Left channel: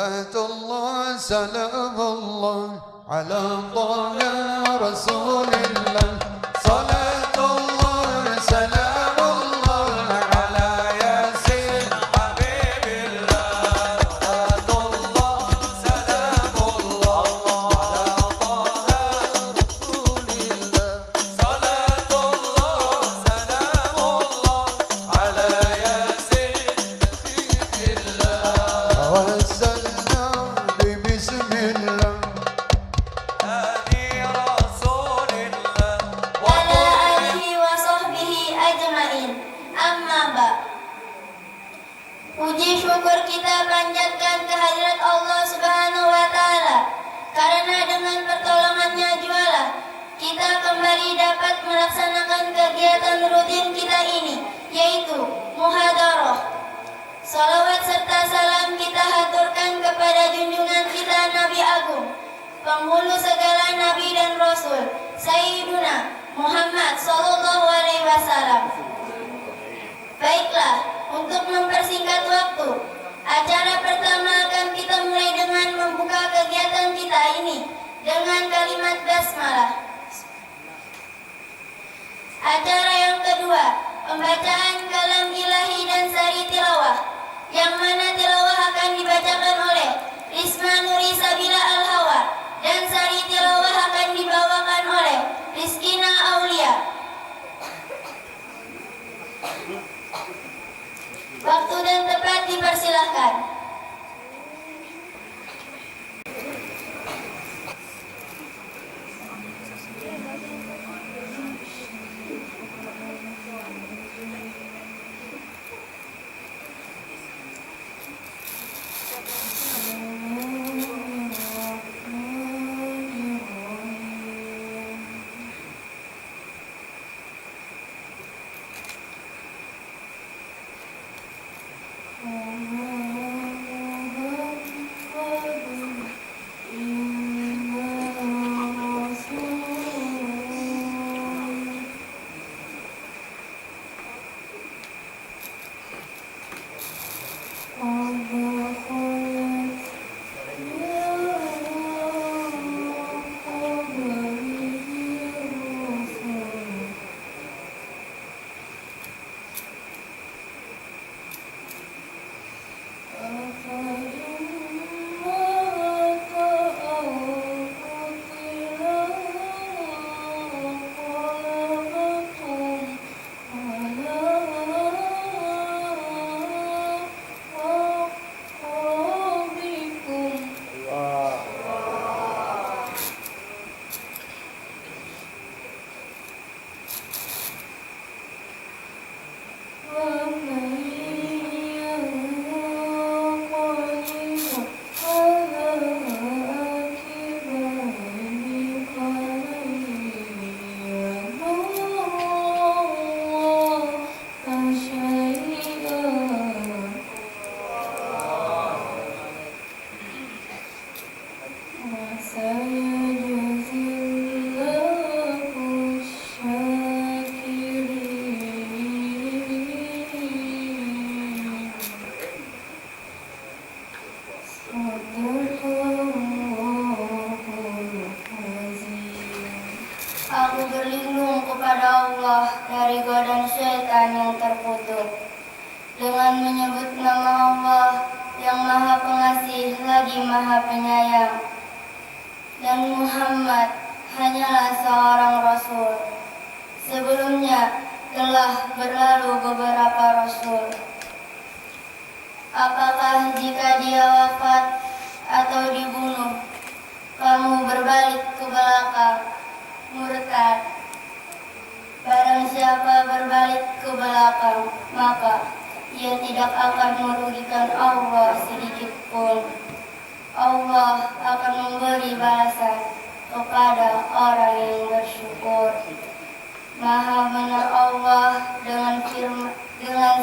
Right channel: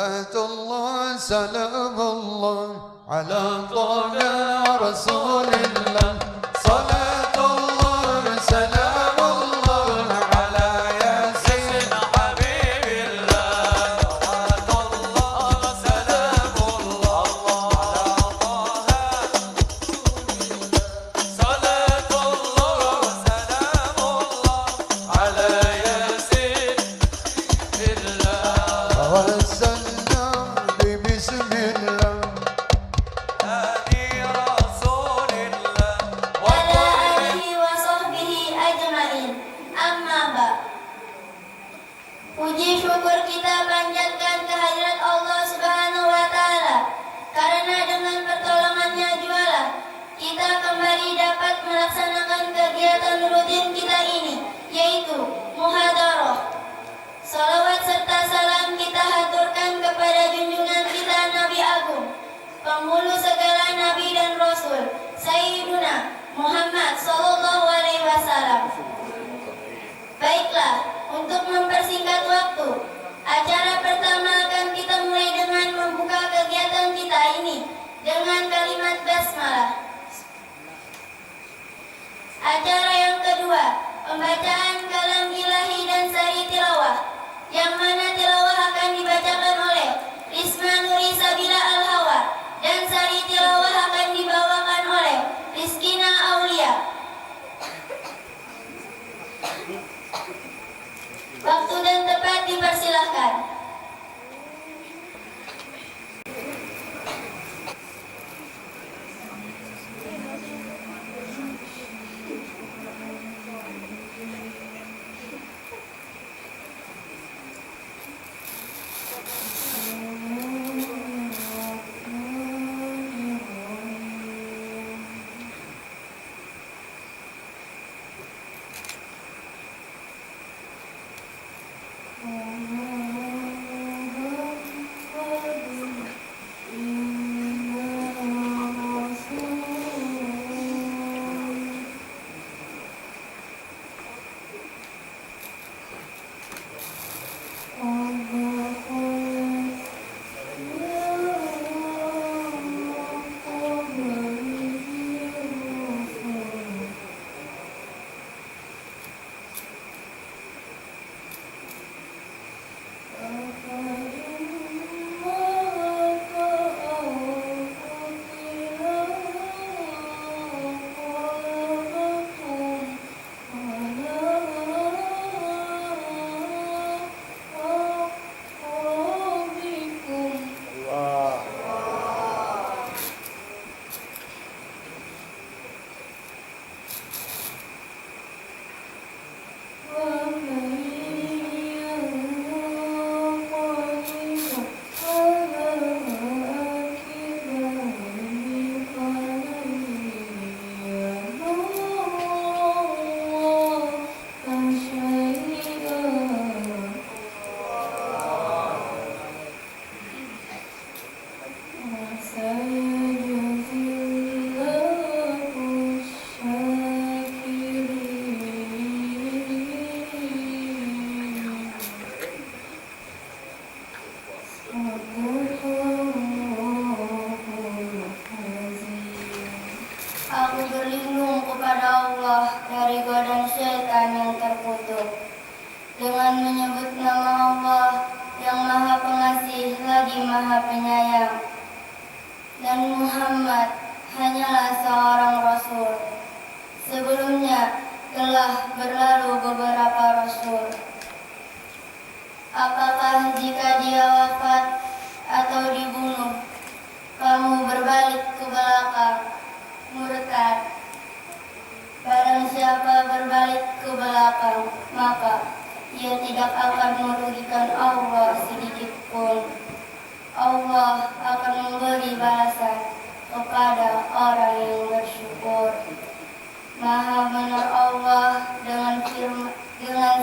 الله سلام الله على طه رسول الله صلاة الله سلام الله على ياسين حبيب الله صلاة الله سلام الله على طه رسول الله صلاة الله سلام الله على ياسين حبيب الله بسم الله هادي رسول الله وعلى آله وصحبه أجمعين. Amma ba. Puji syukur kita panjatkan kehadirat Allah Subhanahu wa taala karena dengan pertolongannya jualah kita kembali dapat melaksanakan kegiatan rutin kita ini, yaitu muhadarah. Salawat serta salam kita haturkan kepada junjungan kita Nabi Agung, penghulu segala Nabi dan Rasul, Sayyiduna Muhammad Sallallahu Alaihi Wasallam. Baiklah, untuk mempersingkat waktu, acara pertama akan kita mulai dengan membuka kegiatan kita ini dengan kalimat basmalah. Acara yang kedua, pembacaan kalam ilahi dan sari tilawah, yang mana tilawah akan dibacakan oleh Risma Nuri Sabila Al-Hawa dan sari tilawah akan dibawakan oleh Rizkina Aulia. Waktu dan tempat dipersilahkan. Aku berlindung kepada Allah dari godaan syaitan yang terkutuk dengan menyebut nama Allah yang Maha Pengasih lagi Maha Penyayang, dan Muhammad hanyalah seorang Rasul. Sebelumnya telah berlalu beberapa Rasul. Apakah jika dia wafat atau dibunuh, kamu berbalik ke belakang, murtad? Barang siapa berbalik ke belakang, maka ia tidak akan merugikan Allah sedikit pun. Allah akan memberi balasan kepada orang yang bersyukur. Maha benar Allah dengan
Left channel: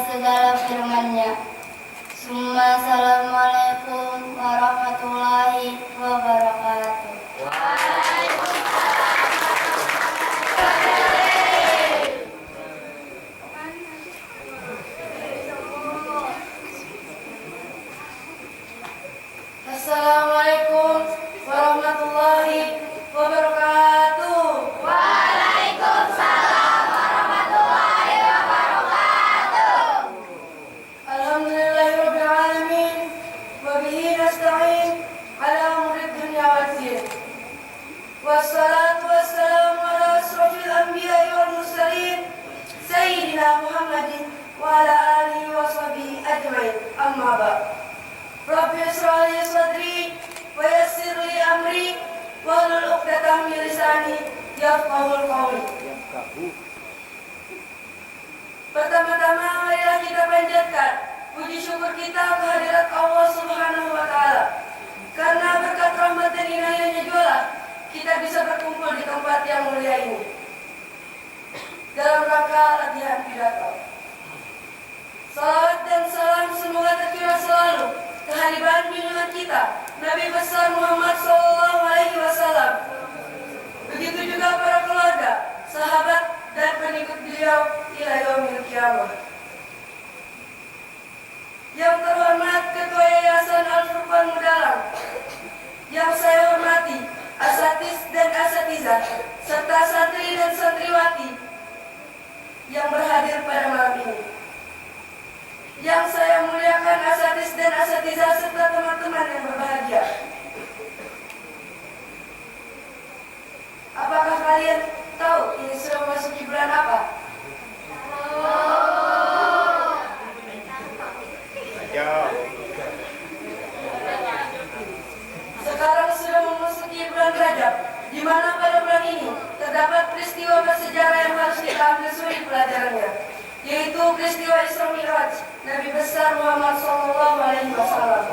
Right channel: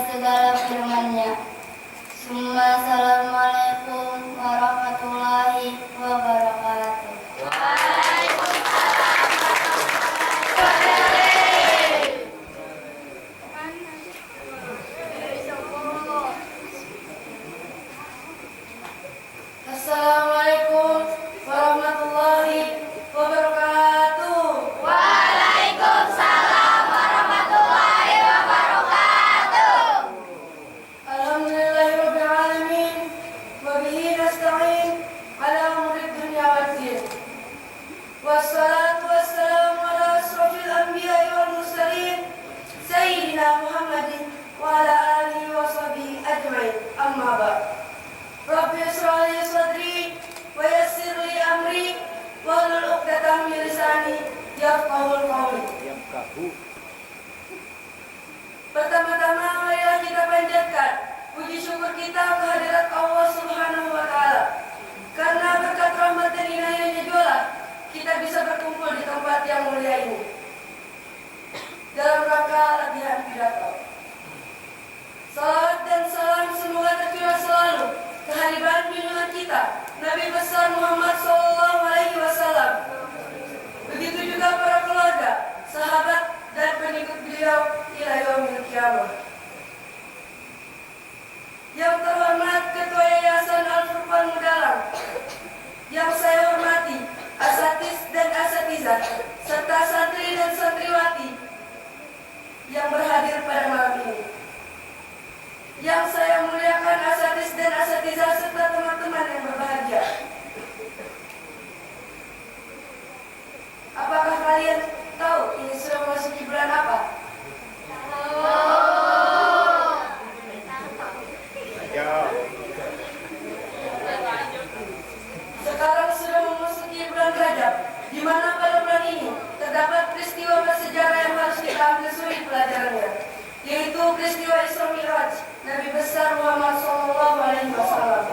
segala firman-Nya. Summa assalamualaikum warahmatullahi wabarakatuh. Sayyidina Muhammadin wa ala alihi wa sahbihi ajmain. Amma ba'd. Rabbi ishrah li sadri wa yassir li amri wahlul 'uqdatam min lisani yafqahul qawli. Pertama-tama marilah kita panjatkan puji syukur kita kehadirat Allah Subhanahu wa taala. Karena berkat rahmat dan inayahnya jualah kita bisa berkumpul di tempat yang mulia ini dalam rangka latihan pidato. Salawat dan salam semoga tercurah selalu kehadiran junjungan kita Nabi besar Muhammad SAW. Begitu juga para keluarga, sahabat dan pengikut beliau ila yaumil qiyamah. Yang terhormat Ketua Yayasan Al-Furqan Mudalang, yang saya hormati asatiz dan asatizah serta santri dan santriwati yang berhadir pada malam ini. Yang saya muliakan asatiz dan asatizah serta teman-teman yang berbahagia. Apakah kalian tahu ini sudah memasuki bulan apa? Sekarang sudah memasuki bulan Rajab, di mana pada bulan ini terdapat peristiwa bersejarah yang harus kita ambil suri pelajarannya, yaitu peristiwa Isra Mi'raj Nabi besar Muhammad SAW.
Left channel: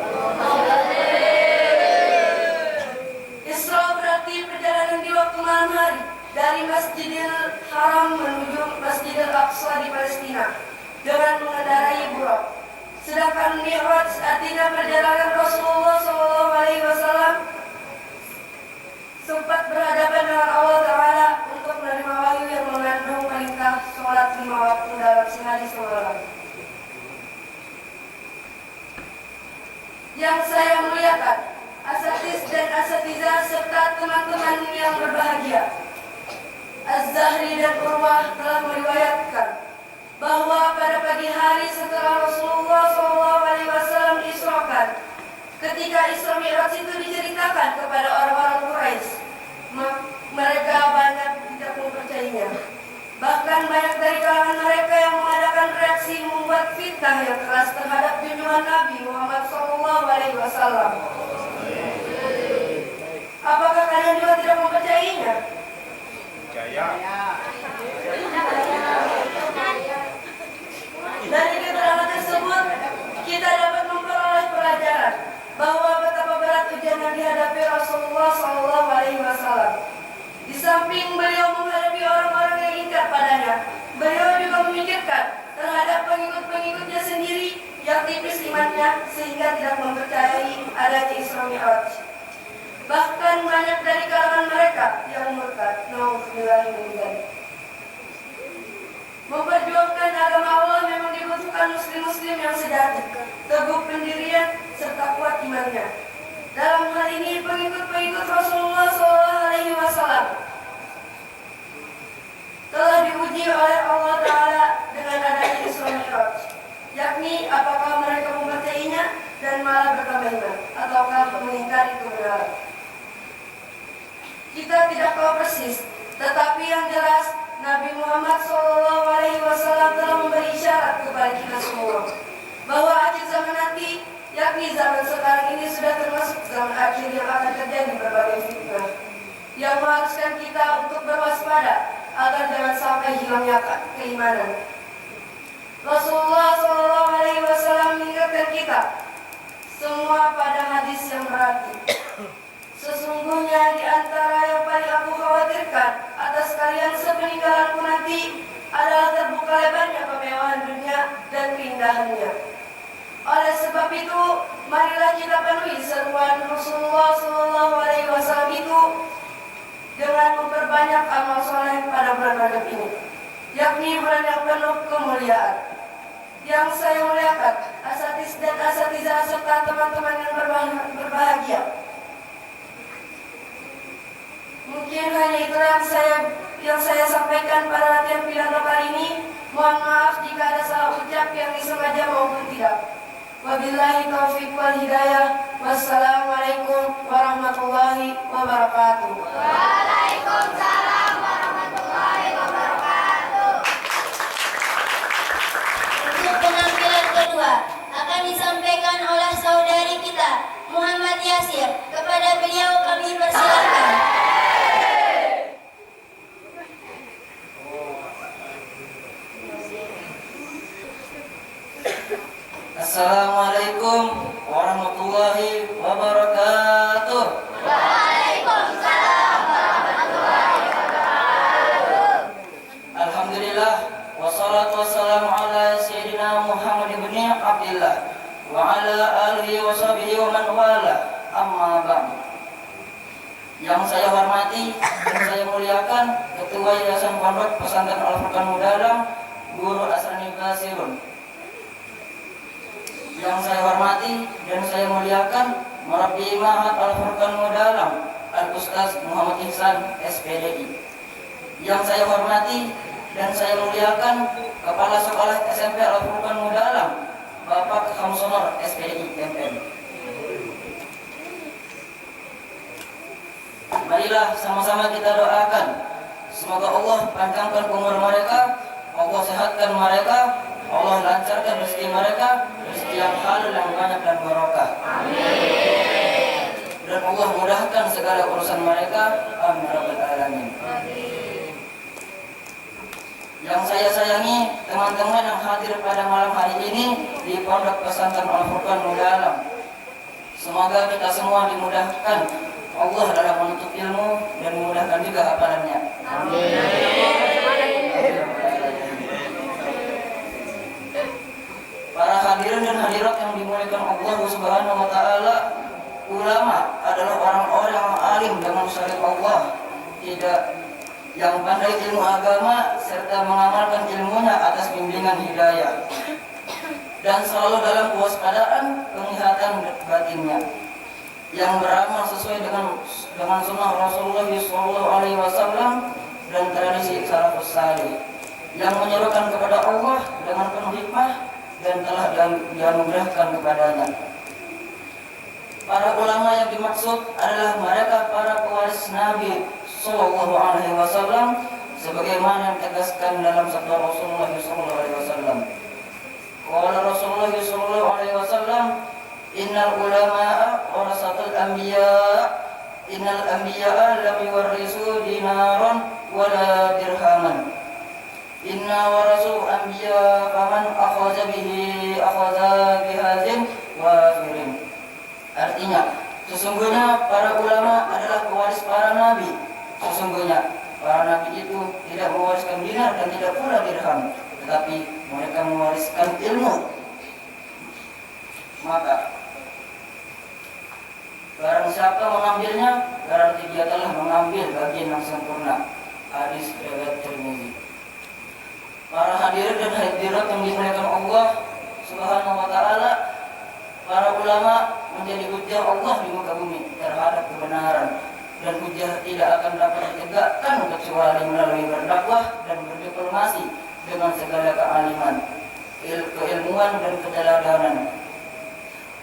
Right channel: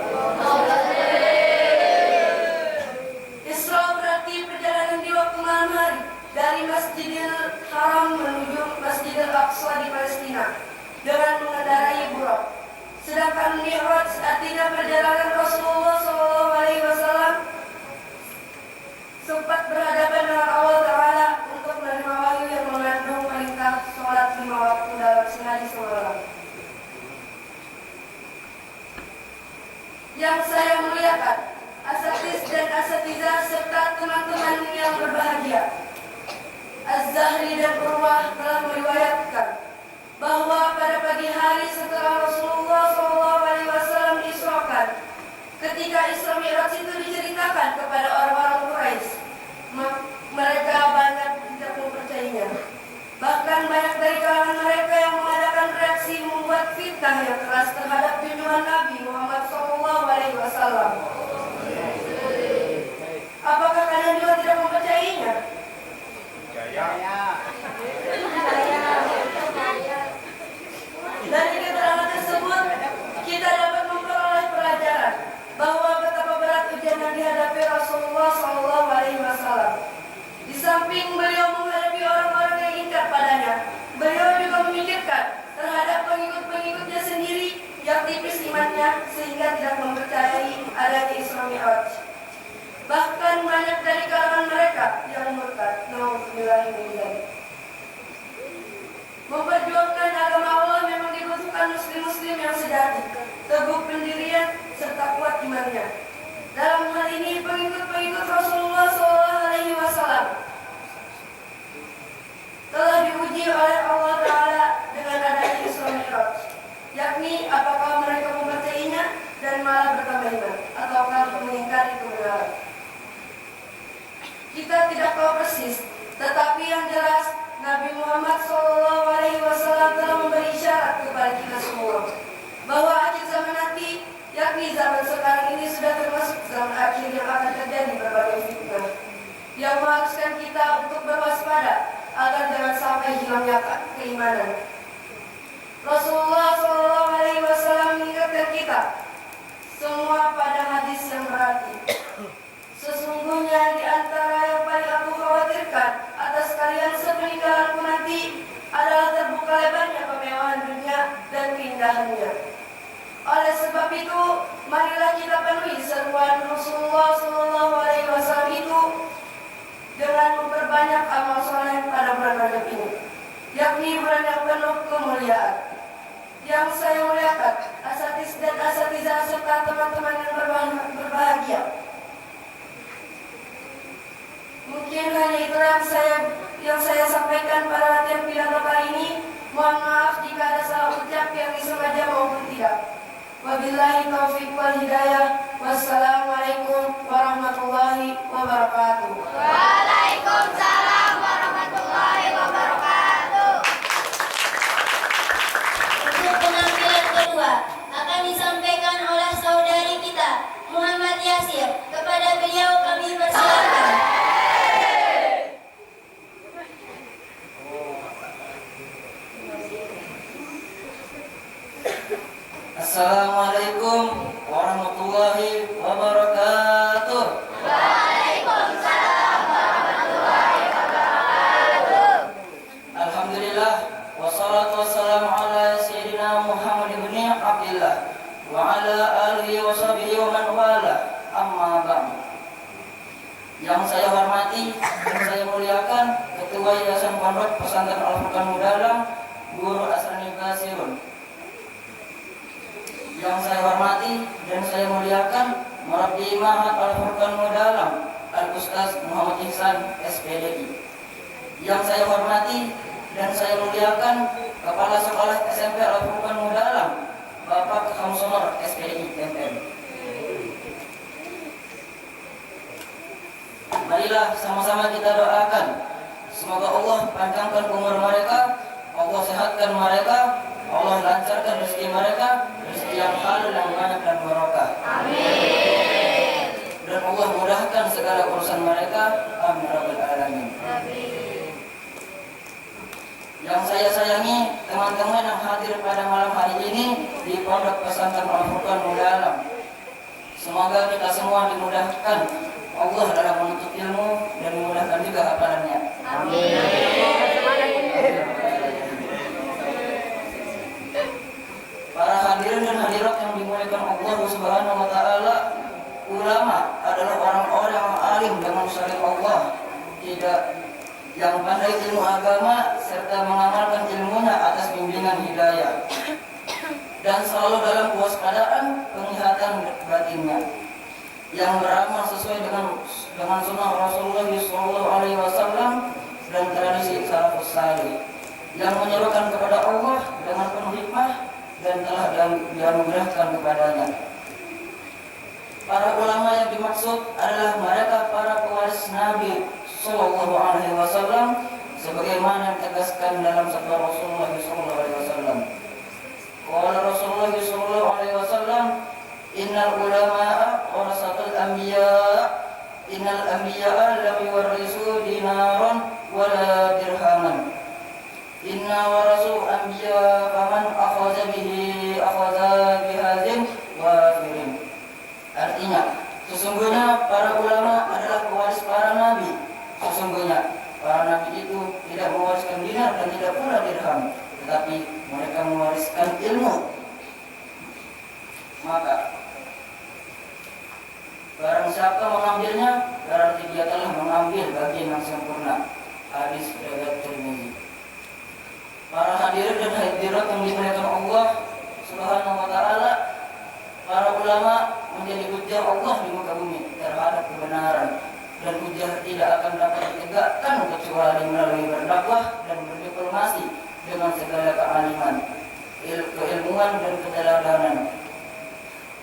Isra berarti perjalanan di waktu malam hari dari Masjidil Haram menuju Masjidil Aqsa di Palestina dengan mengendarai buraq. Sedangkan Mi'raj artinya perjalanan Rasulullah SAW sempat berhadapan dengan Allah Ta'ala untuk menerima wahyu yang mengandung perintah sholat 5 waktu dalam sehari semalam. Yang saya muliakan, asatiz dan asatizah serta teman-teman yang berbahagia, Az-Zahri dan Urwah telah meriwayatkan bahwa pada pagi hari setelah Rasulullah SAW diisrakan, ketika Isra Mi'raj itu diceritakan kepada orang-orang Quraisy, mereka banyak tidak mempercayainya. Bahkan banyak dari kalangan mereka yang mengadakan reaksi membuat fitnah yang keras terhadap junjungan Nabi Muhammad SAW. Apakah kalian juga tidak mempercayainya? Dari keterangan tersebut, kita dapat memperoleh pelajaran bahwa betapa berat ujian yang dihadapi Rasulullah SAW. Di samping beliau menghadapi orang-orang yang ingkar padanya, beliau juga memikirkan terhadap pengikut-pengikutnya sendiri yang tipis imannya sehingga tidak mempercayai adanya Isra Mi'raj. Bahkan banyak dari kalangan mereka yang murtad. Memperjuangkan agama Allah memang dibutuhkan muslim-muslim yang sejati, teguh pendirian serta kuat imannya. Dalam hal ini pengikut-pengikut Rasulullah SAW telah diuji oleh Allah Ta'ala dengan adanya Isra Mi'raj, yakni apakah mereka mempercayainya dan malah bertambah iman, ataukah mengingkari kebenaran. Kita tidak tahu persis, tetapi yang jelas Nabi Muhammad SAW telah memberi isyarat kepada kita semua bahwa akhir zaman nanti, yakni zaman sekarang ini, sudah termasuk zaman akhir yang akan terjadi berbagai fitnah yang mengharuskan kita untuk berwaspada agar jangan sampai hilangnya keimanan. Rasulullah SAW mengingatkan kita semua pada hadis yang berarti, sesungguhnya di antara yang paling aku khawatirkan atas kalian sepeninggalanku nanti adalah terbuka lebarnya kemewahan dunia dan keindahannya. Oleh sebab itu, marilah kita penuhi seruan Rasulullah SAW itu dengan memperbanyak amal soleh pada bulan Rajab ini, yakni bulan yang penuh kemuliaan. Yang saya muliakan, asatiz dan asatizah serta teman-teman yang berbahagia. Mungkin hanya itu yang saya sampaikan pada latihan pidato kali ini. Mohon maaf jika ada salah ucap yang disengaja maupun tidak. Wabillahi taufiq wal hidayah. Wassalamualaikum warahmatullahi wabarakatuh. Waalaikumsalam warahmatullahi wabarakatuh. akan disampaikan oleh saudari kita, Muhammad Yasir. Kepada beliau kami persilakan. Assalamualaikum warahmatullahi wabarakatuh. Waalaikumsalam warahmatullahi wabarakatuh. Alhamdulillah, wassalatu wassalamu ala sayyidina Muhammad ibn Abdillah wa ala alihi wa sahbihi wa man wala, amma ba'd. Yang saya hormati dan saya muliakan Ketua Yayasan Pondok Pesantren Al-Furqan Mudalam, Guru Asrani Basirun. Yang saya hormati dan saya muliakan Murabbi Ma'had Al-Furqan Mudalam, Al-Ustaz Muhammad Ihsan, SPDI. Yang saya hormati dan saya muliakan Kepala Sekolah SMP Al-Furqan Mudalam, Bapak Khamsunor, SPDI, MM. Marilah sama-sama kita doakan, semoga Allah panjangkan umur mereka, Allah sehatkan mereka, Allah lancarkan rezeki mereka, rezeki yang halal, yang banyak dan barokah. Amin. Dan Allah mudahkan segala urusan mereka. Amin rabbal alamin. Amin. Yang saya sayangi teman-teman yang hadir pada malam hari ini di Pondok Pesantren Al-Furqan Mudalam, semoga kita semua dimudahkan Allah dalam menuntut ilmu dan memudahkan juga hafalannya. Para hadirin dan hadirat yang dimuliakan Allah Subhanahu wa taala, ulama adalah orang-orang yang alim dengan syariat Allah, yang pandai ilmu agama serta mengamalkan ilmunya atas bimbingan hidayah, dan selalu dalam kewaspadaan penglihatan batinnya, yang beramal sesuai dengan sunnah Rasulullah SAW dan tradisi salafus saleh, yang menyerukan kepada Allah dengan penuh hikmah dan telah dianugerahkan kepadanya. Para ulama yang dimaksud adalah mereka para pewaris Nabi SAW, sebagaimana yang ditegaskan dalam sabda Rasulullah SAW. Qala Rasulullah SAW, Innal ulama'a warasatul anbiya, innal anbiya'a lam yuwarrisu dinaran wala dirhaman, inna warasu anbiya faman akhadha bihi akhadha bihazin wafirin. Artinya, sesungguhnya para ulama adalah pewaris para nabi. Sesungguhnya para nabi itu tidak mewariskan dinar dan tidak pula dirham, tetapi mereka mewariskan ilmu. Maka barang siapa mengambilnya, berarti dia telah mengambil bagian yang sempurna. Hadis riwayat Tirmizi. Para hadirin dan hadirat yang dimuliakan Allah Subhanahu wa taala, para ulama menjadi hujjah Allah di muka bumi terhadap kebenaran, dan hujjah tidak akan dapat ditegakkan kecuali melalui berdakwah dan berdiplomasi dengan segala kealiman, keilmuan dan keteladanan.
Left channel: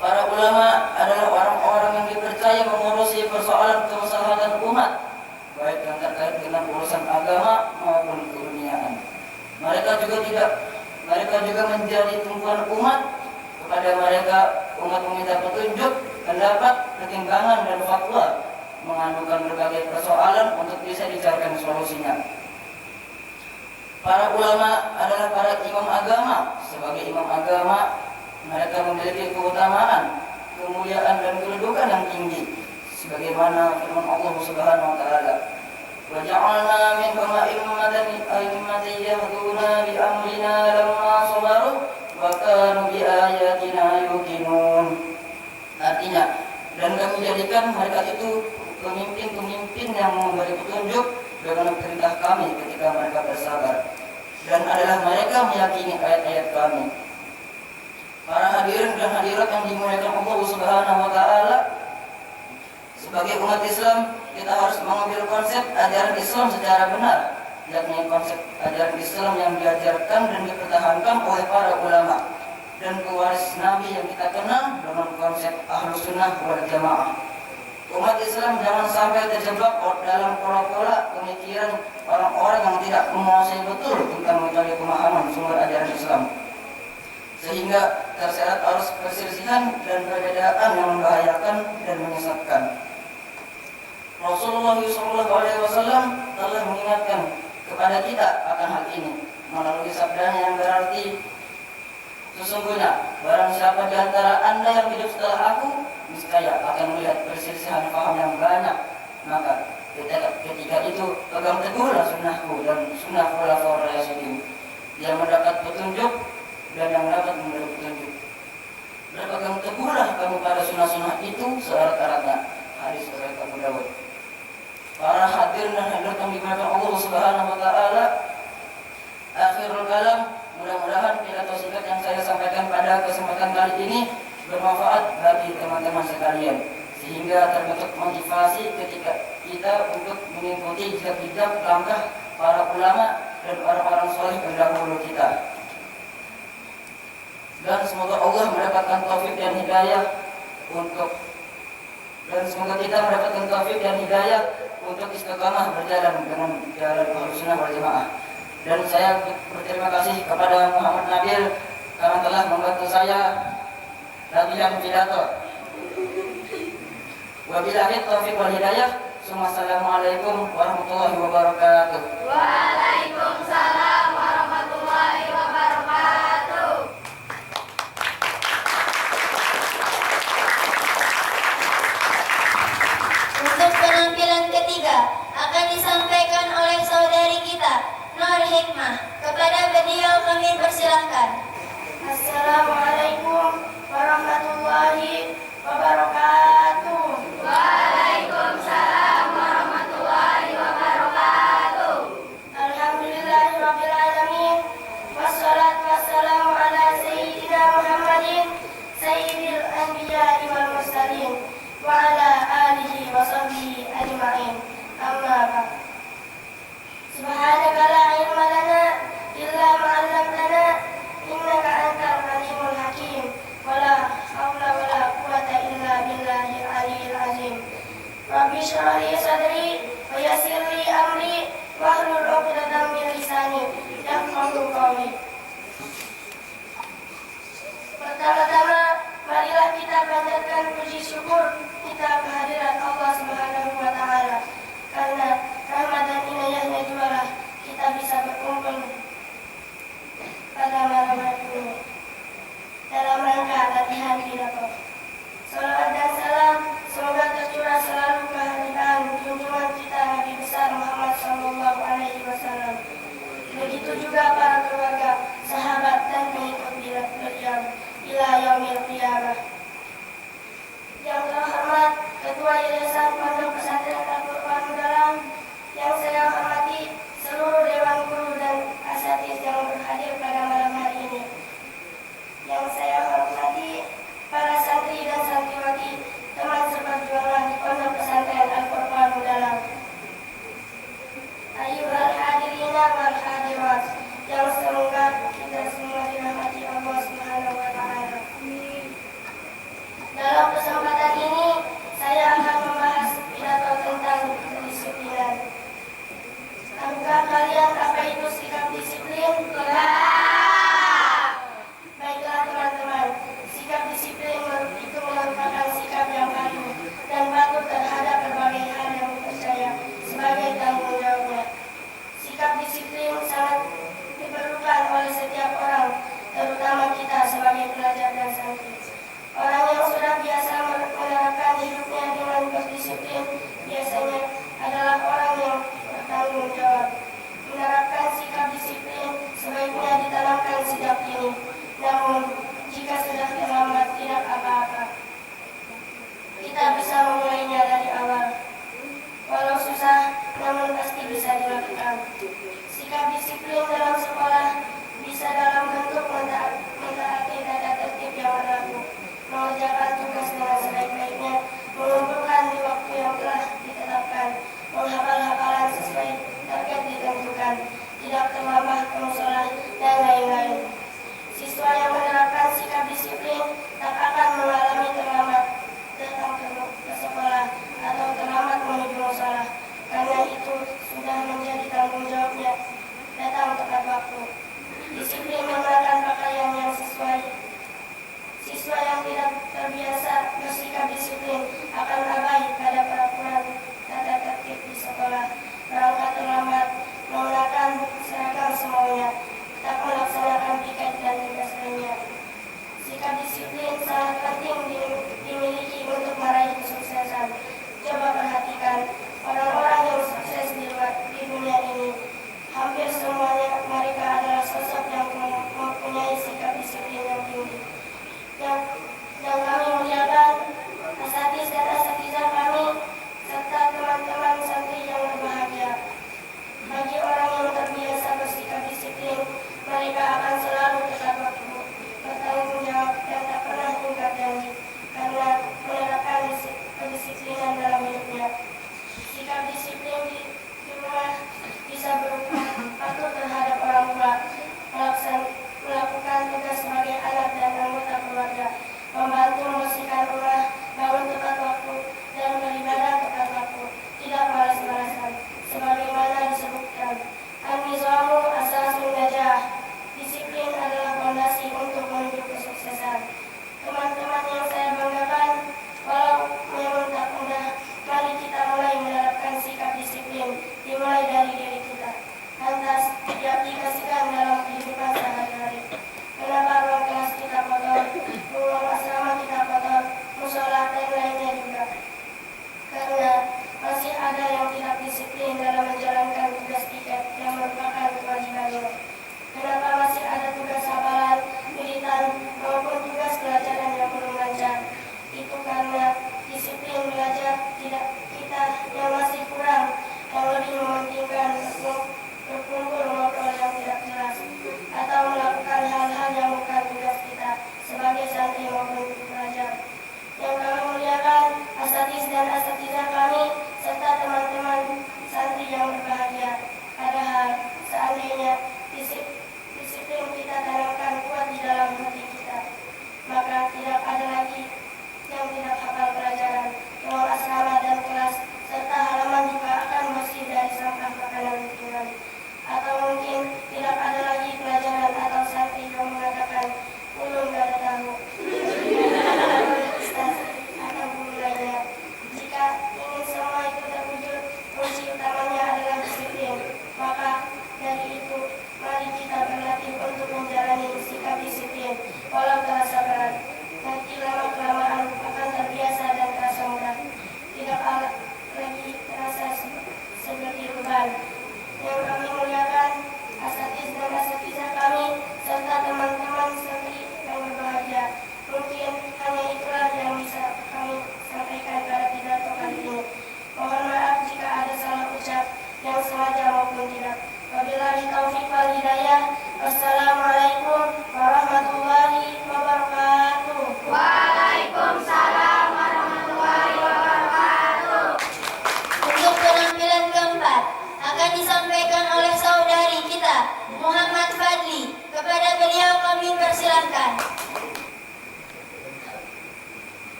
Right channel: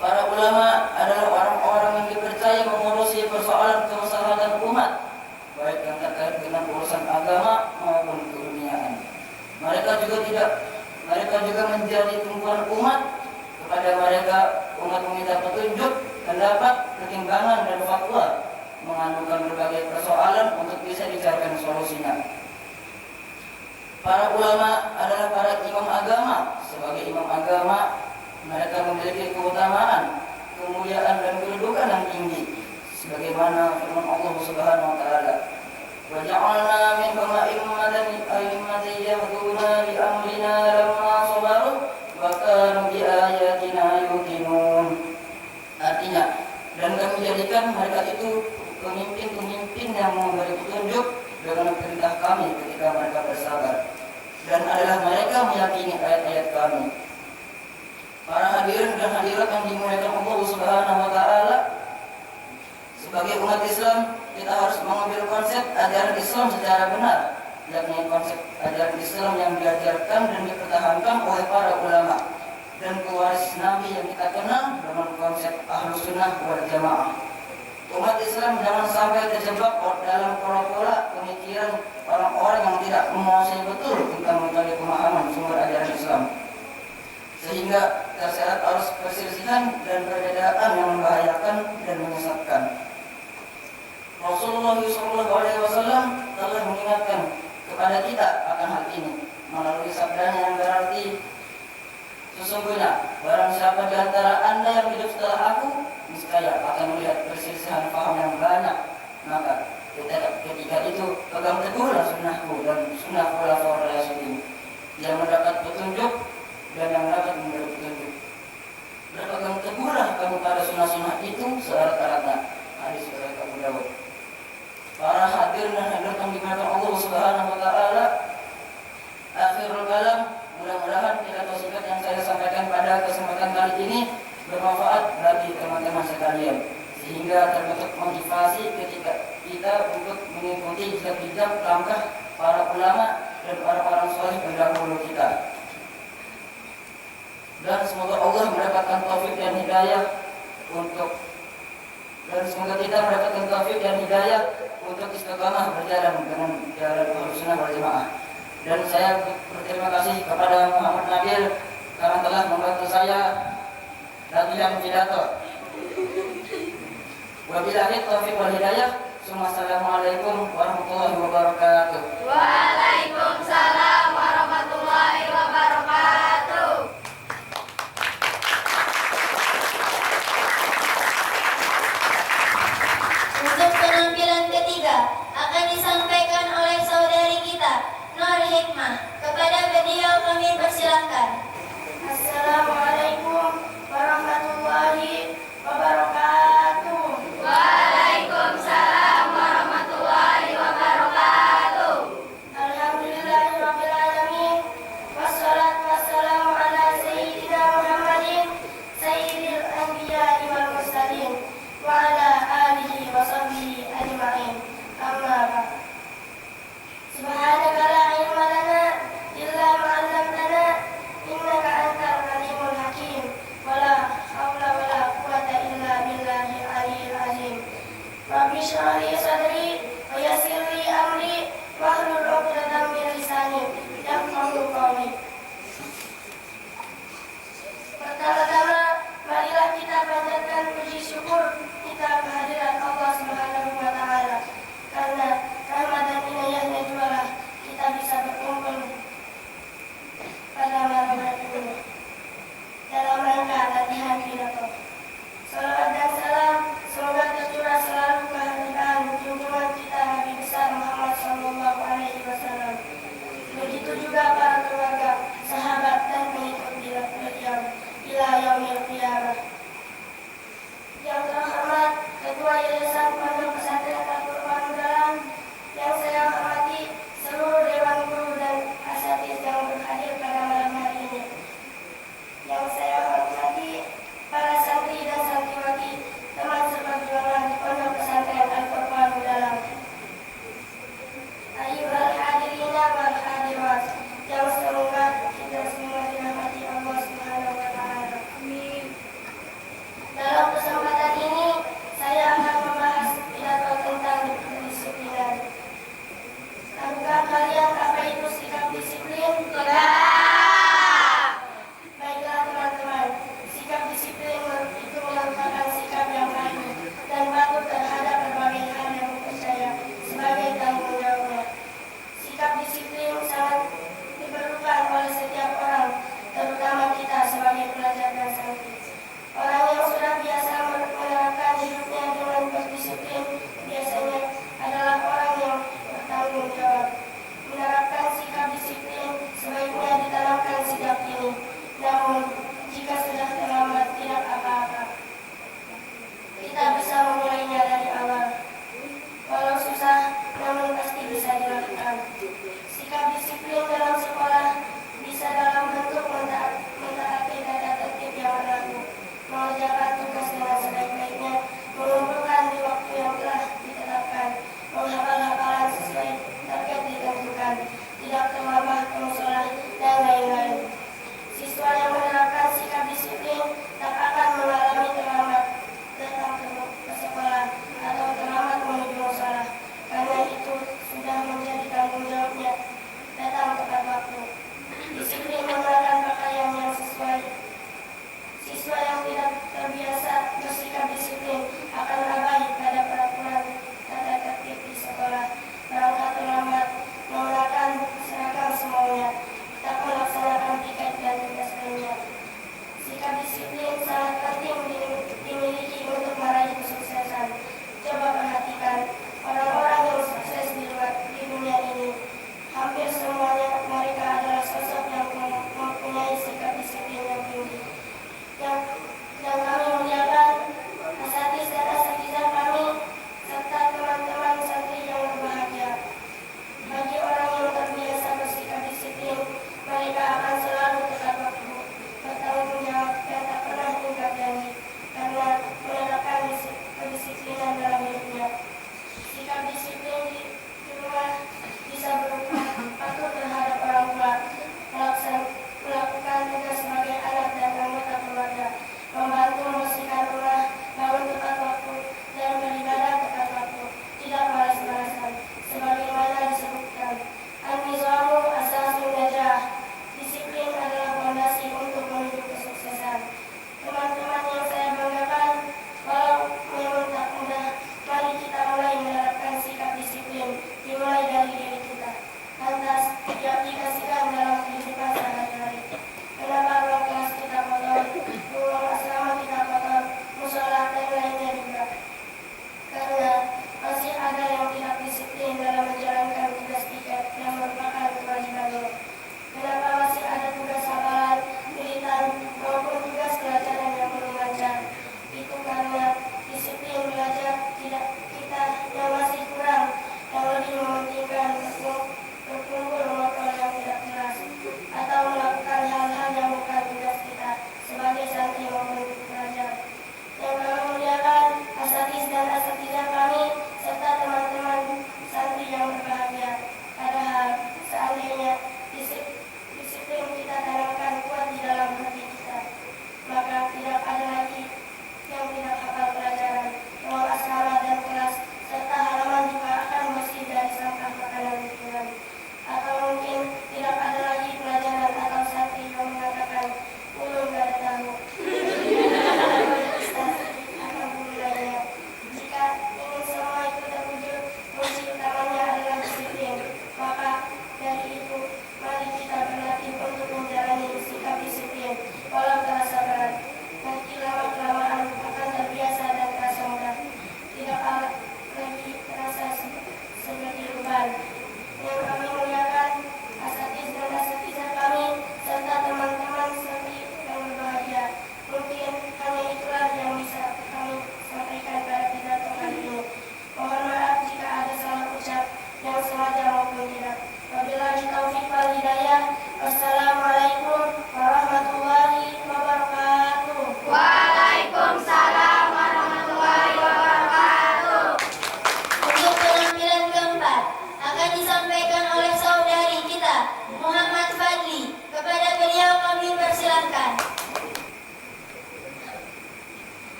Para ulama adalah orang-orang yang dipercaya mengurusi persoalan kemaslahatan umat, baik yang terkait dengan urusan agama maupun keduniaan. Mereka juga menjadi tumpuan umat. Kepada mereka umat meminta petunjuk, pendapat, pertimbangan dan fatwa, mengadukan berbagai persoalan untuk bisa dicarikan solusinya. Para ulama adalah para imam agama. Sebagai imam agama, mereka memiliki keutamaan, kemuliaan dan kedudukan yang tinggi, sebagaimana firman Allah Subhanahu wa taala, "Wa ja'alna minhum a'immatan yahduna bi amrina lamma sabaru wa kanu bi ayatina yuqinun." Artinya, dan kami jadikan mereka itu pemimpin-pemimpin yang memberi petunjuk dengan perintah kami ketika mereka bersabar, dan adalah mereka meyakini ayat-ayat kami. Para hadirin dan hadirat yang dimuliakan Allah Subhanahu wa taala, sebagai umat Islam kita harus mengambil konsep ajaran Islam secara benar, yakni konsep ajaran Islam yang diajarkan dan dipertahankan oleh para ulama dan pewaris Nabi yang kita kenal dengan konsep Ahlus Sunnah wal Jamaah. Umat Islam jangan sampai terjebak dalam pola-pola pemikiran orang-orang yang tidak menguasai betul tentang metode pemahaman sumber ajaran Islam, sehingga terseret arus perselisihan dan perbedaan yang membahayakan dan menyesatkan. Rasulullah SAW telah mengingatkan kepada kita akan hal ini melalui sabdanya yang berarti, sesungguhnya barang siapa di antara anda yang hidup setelah aku, niscaya akan melihat perselisihan paham yang banyak. Maka ketika itu pegang teguhlah sunnahku dan sunnah khulafaur rasyidin, yang mendapat petunjuk dan yang dapat memberi petunjuk. Berpegang teguhlah kamu pada sunnah-sunnah itu seerat-eratnya. Hadis riwayat Abu Dawud. Para hadirin dan hadirat yang dimuliakan Allah Subhanahu wa taala, akhirul kalam, mudah-mudahan pidato singkat yang saya sampaikan pada kesempatan kali ini bermanfaat bagi teman-teman sekalian, sehingga terbentuk motivasi ketika kita untuk mengikuti jejak-jejak langkah para ulama dan para orang soleh pendahulu kita. Dan semoga Allah mendapatkan taufik dan hidayah untuk istiqamah berjalan dengan jalan Ahlussunnah wal Jamaah. Dan saya berterima kasih kepada Muhammad Nabil karena telah membantu saya latihan pidato. Wabillahi taufiq wal hidayah. Assalamualaikum warahmatullahi wabarakatuh. Waalaikumsalam warahmatullahi wabarakatuh. Untuk penampilan ketiga akan disampaikan oleh saudari kita, Nur Hikmah. Kepada beliau kami persilahkan. Assalamualaikum warahmatullahi wabarakatuh. Waalaikumsalam warahmatullahi wabarakatuh. Alhamdulillahirabbil alamin. Wassalatu wassalamu ala sayyidina Muhammadin sayyidil anbiya'i wal mursalin wa ala alihi wa sahbihi ajma'in. Amma ba'd. Subhanaka la ilma lana illa ma 'allamtana innaka antal alim.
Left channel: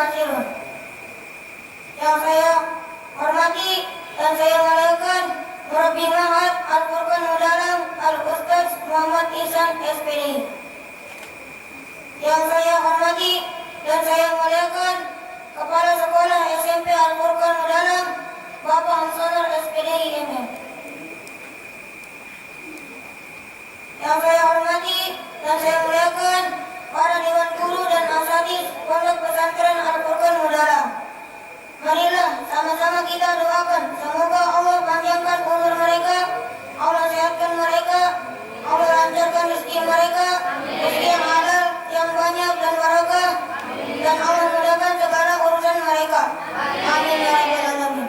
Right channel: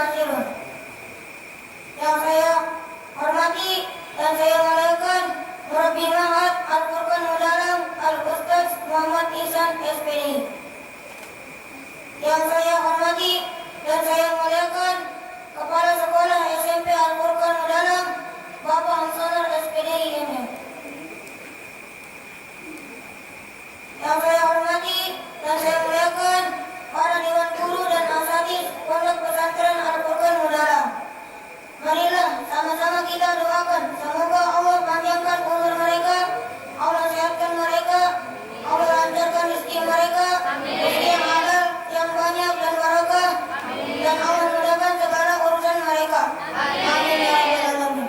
Basirun. Yang saya hormati dan saya muliakan Murabbi Ma'had Al-Furqan Mudalam Al-Ustaz Muhammad Ihsan SPD. Yang saya hormati dan saya muliakan Kepala Sekolah SMP Al-Furqan Mudalam Bapak Hamsonar SPD IMM. Yang saya hormati dan saya muliakan para dewan guru dan asatidz Pondok Pesantren Al-Furqan Mudalam. Marilah sama-sama kita doakan semoga Allah panjangkan umur mereka, Allah sehatkan mereka, Allah lancarkan rezeki mereka, rezeki yang halal, yang banyak dan barokah, dan Allah mudahkan segala urusan mereka. Amin ya rabbal alamin.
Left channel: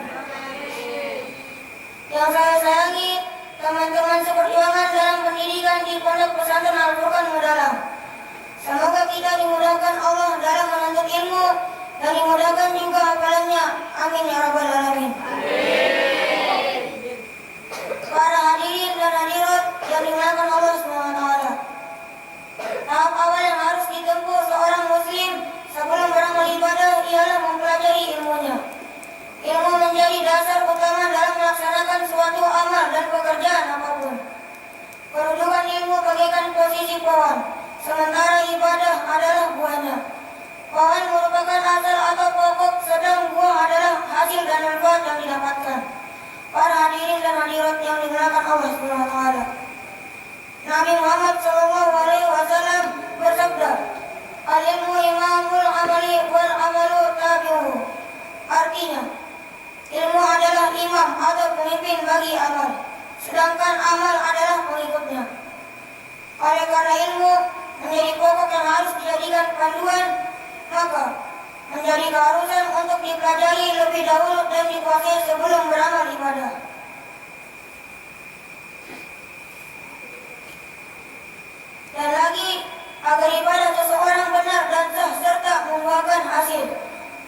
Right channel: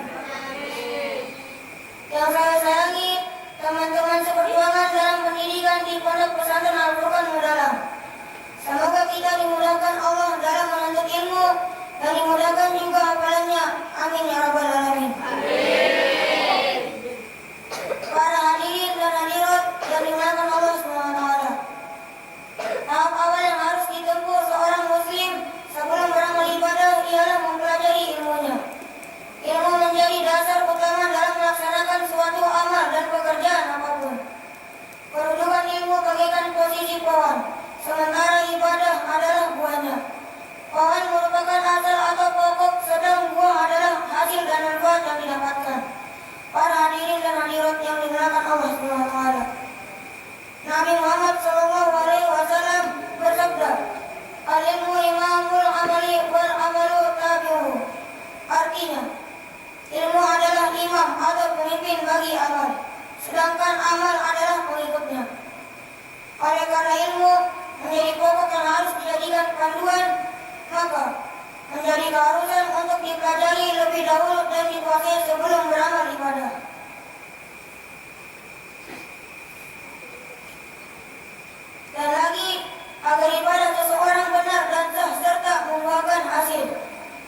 Yang saya sayangi teman-teman seperjuangan dalam pendidikan di Pondok Pesantren Al-Furqan Mudalam. Semoga kita dimudahkan Allah dalam menuntut ilmu dan dimudahkan juga hafalannya. Amin ya rabbal alamin. Para hadirin dan hadirat yang dimuliakan Allah SWT. Tahap awal yang harus ditempuh seorang muslim sebelum beramal ibadah ialah mempelajari ilmunya. Ilmu menjadi dasar utama dalam melaksanakan suatu amal dan pekerjaan apapun. Kedudukan ilmu bagaikan posisi pohon, sementara ibadah adalah buahnya. Pohon merupakan asal atau pokok, sedang buah adalah hasil dan manfaat yang didapatkan. Para hadirin dan hadirat yang dimuliakan Allah SWT. Nabi Muhammad SAW bersabda, "Al-ilmu imamul amali wal amalu tabi'uhu." Artinya, ilmu adalah imam atau pemimpin bagi amal, sedangkan amal adalah pengikutnya. Oleh karena ilmu menjadi pokok yang harus dijadikan panduan, maka menjadi keharusan untuk dipelajari lebih dahulu dan dikuasai sebelum beramal ibadah. Dan lagi, agar ibadah seseorang benar dan sah serta membuahkan hasil,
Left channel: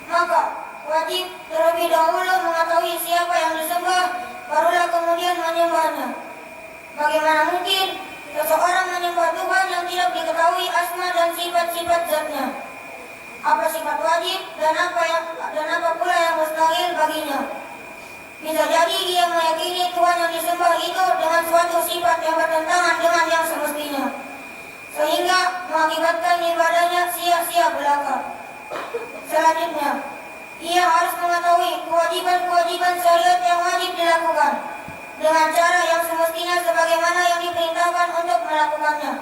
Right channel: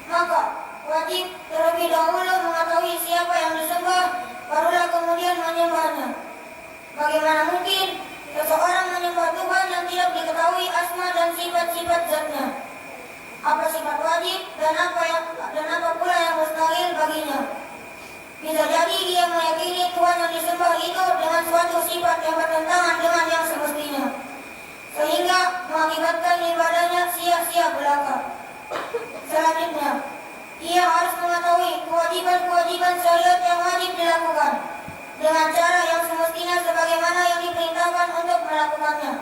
maka wajib terlebih dahulu mengetahui siapa yang disembah, barulah kemudian menyembahnya. Bagaimana mungkin seseorang menyembah Tuhan yang tidak diketahui asma dan sifat-sifat zatnya? Apa sifat wajib dan apa pula yang mustahil baginya? Bisa jadi ia meyakini Tuhan yang disembah itu dengan suatu sifat yang bertentangan dengan yang semestinya, sehingga mengakibatkan ibadahnya sia-sia belaka. Selanjutnya, ia harus mengetahui kewajiban-kewajiban syariat yang wajib dilakukan dengan cara yang semestinya sebagaimana yang diperintahkan untuk melakukannya.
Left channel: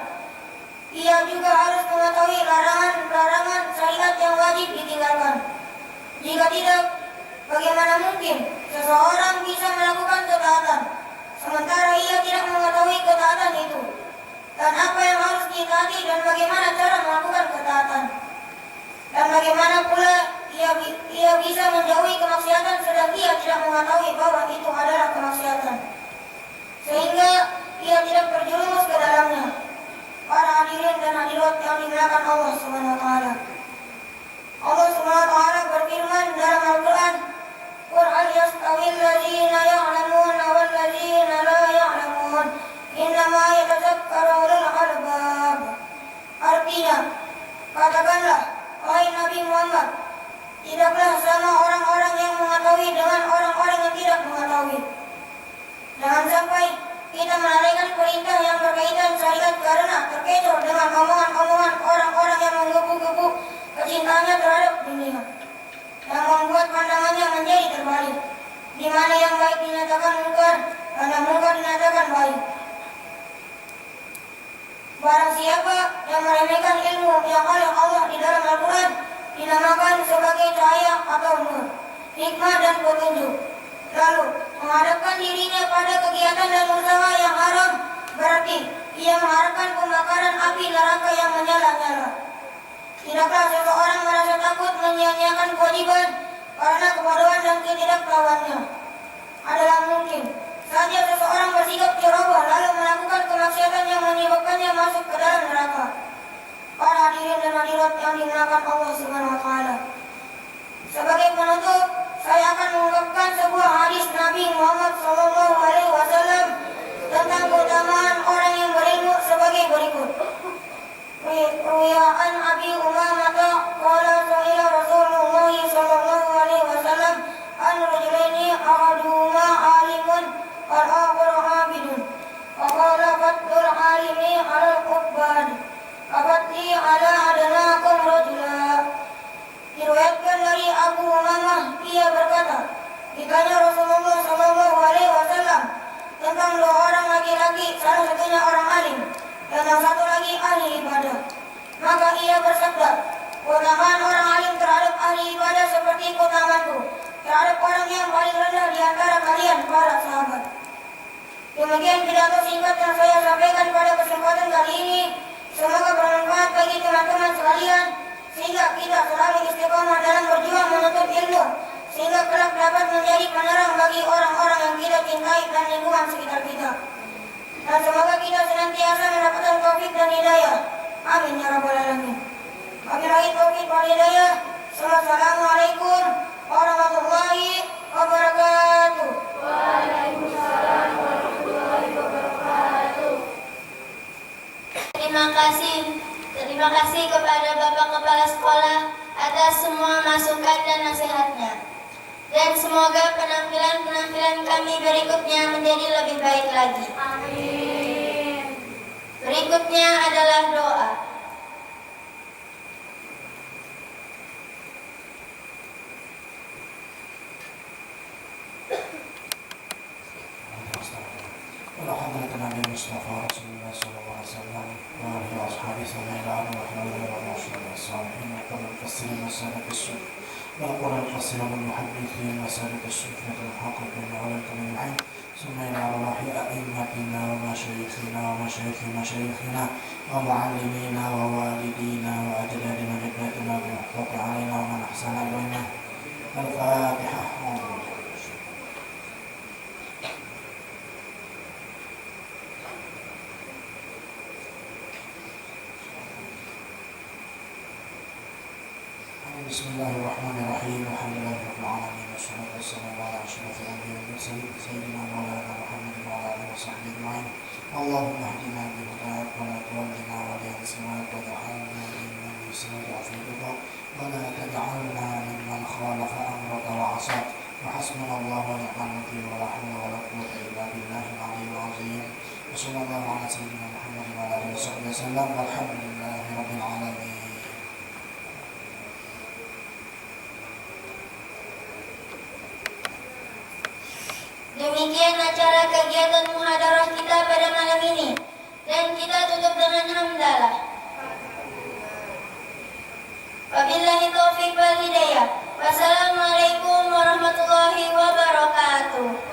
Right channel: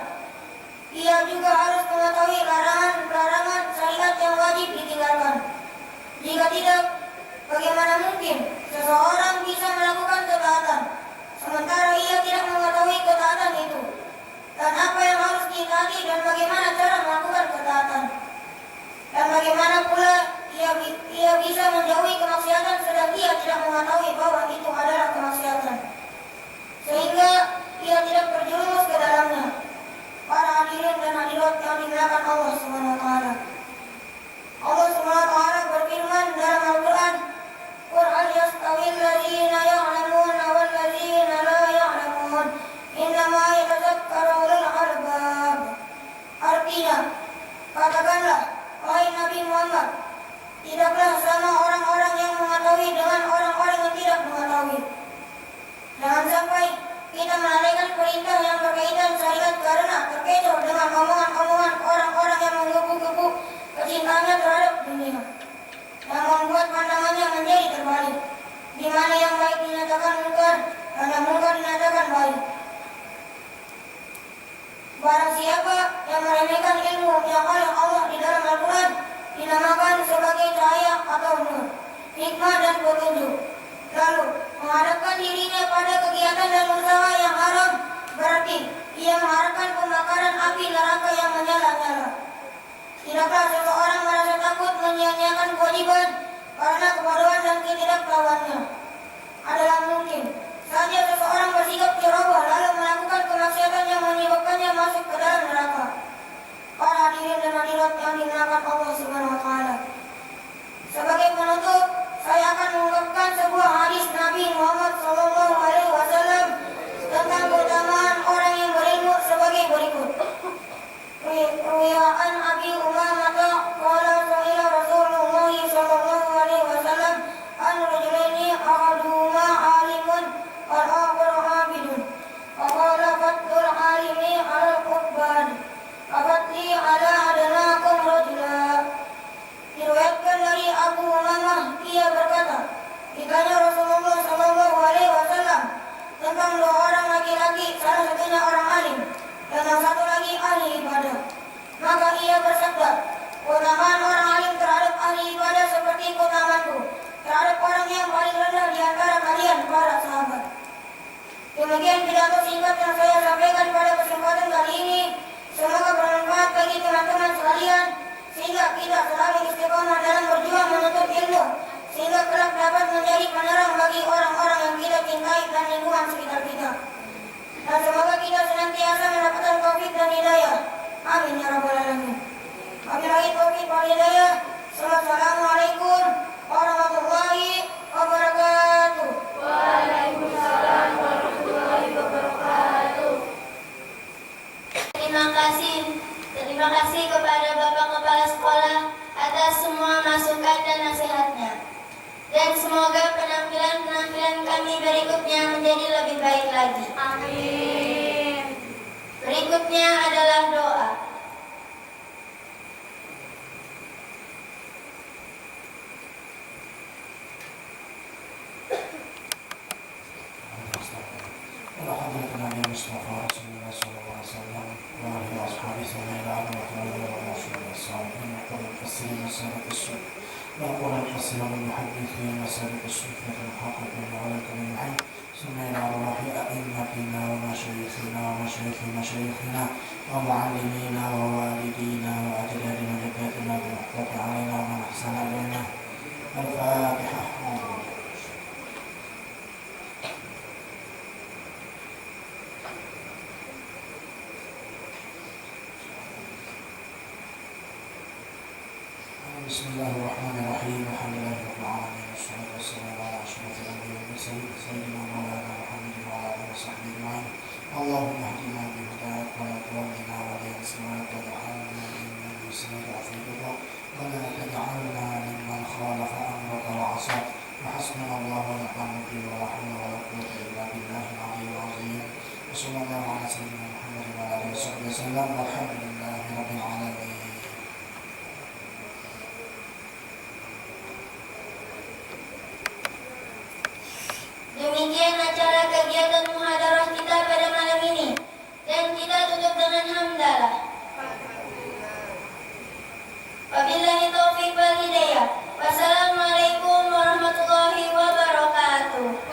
Ia juga harus mengetahui larangan-larangan syariat yang wajib ditinggalkan. Jika tidak, bagaimana mungkin seseorang bisa melakukan ketaatan sementara ia tidak mengetahui ketaatan itu, dan apa yang harus ditaati dan bagaimana cara melakukan ketaatan, dan bagaimana pula ia bisa menjauhi kemaksiatan sedang ia tidak mengetahui bahwa itu adalah kemaksiatan, sehingga ia tidak terjerumus ke dalamnya. Para hadirin dan hadirat yang dimuliakan Allah SWT. Allah SWT berfirman dalam Al-Quran, "Qul hal yastawil ladzina ya'lamuna wal ladzina la ya'lamun, innama yatadzakkaru ulul albab." Artinya, katakanlah, wahai Nabi Muhammad, tidaklah sama orang-orang yang mengetahui dengan orang-orang yang tidak mengetahui. Jangan sampai kita melalaikan perintah yang berkaitan syariat karena terkecoh dengan omongan-omongan orang-orang yang menggebu-gebu kecintaannya terhadap dunia, yang membuat pandangannya menjadi terbalik, di mana yang baik dinyatakan mungkar dan yang mungkar dinyatakan baik. Barang siapa yang meremehkan ilmu yang oleh Allah di dalam Al-Quran dinamakan sebagai cahaya atau nur, hikmah dan petunjuk, lalu menghadapkan dirinya pada kegiatan dan usaha yang haram, berarti ia mengharapkan pembakaran api neraka yang menyala-nyala. Tidaklah seseorang merasa takut menyia-nyiakan kewajiban karena kebodohan dan ketidaktahuannya. Adalah mungkin saja seseorang bersikap ceroboh lalu melakukan kemaksiatan yang menyebabkannya masuk ke dalam neraka. Para hadirin dan hadirat yang dimuliakan Allah SWT. Sebagai penutup, saya akan mengungkapkan sebuah hadis Nabi Muhammad SAW tentang keutamaan orang yang berilmu sebagai berikut. Ruwiya an Abi Umamah qala su'ila Rasulullah ahli ibadah. Maka ia bersabda, keutamaan orang alim terhadap ahli ibadah seperti keutamaanku terhadap orang yang paling rendah di antara kalian, para sahabat. Demikian pidato singkat yang saya sampaikan pada kesempatan kali ini. Semoga bermanfaat bagi teman-teman sekalian, sehingga kita selalu istiqomah dalam berjuang menuntut ilmu, sehingga kelak dapat menjadi penerang bagi orang-orang yang kita cintai dan lingkungan sekitar kita. Dan semoga kita senantiasa mendapatkan taufik dan hidayah. Amin ya rabbal alamin. Wabillahi taufiq wal hidayah. Wassalamualaikum warahmatullahi wabarakatuh. Waalaikumsalam warahmatullahi wabarakatuh. Terima kasih kepada Bapak Kepala Sekolah atas semua masukan dan nasihatnya. Dan semoga penampilan kami berikutnya menjadi lebih baik lagi. Amin. Berikutnya adalah doa. وقال القصير المحدثين وسابق الشفة الحقق وعلى الحين ثم إلى أرواح أئمتنا ومشايخنا ومشايخ مشايخنا ومعلمينا ووالدينا وأجدادنا وجداتنا بالحقوق علينا ومن أحسن إلينا. الفاتحة. بسم الله الرحمن الرحيم. الحمد لله رب العالمين والصلاة والسلام على أشرف الأنبياء والمرسلين سيدنا مولانا محمد وعلى آله وصحبه أجمعين. اللهم اهدنا بهداك ولا تولنا وليا سواك واجعلنا ممن يسارع في رضاك ولا تجعلنا ممن خالف أمرك وعصاك. وحسبنا الله ونعم الوكيل ولا حول ولا قوة إلا بالله العلي العظيم. وصلى الله على سيدنا محمد وعلى آله وصحبه وسلم والحمد لله رب العالمين. Demikian acara kegiatan muhadarah kita pada malam ini, dan kita tutup dengan hamdalah. Wabillahi taufiq wal hidayah. Wassalamualaikum warahmatullahi wabarakatuh.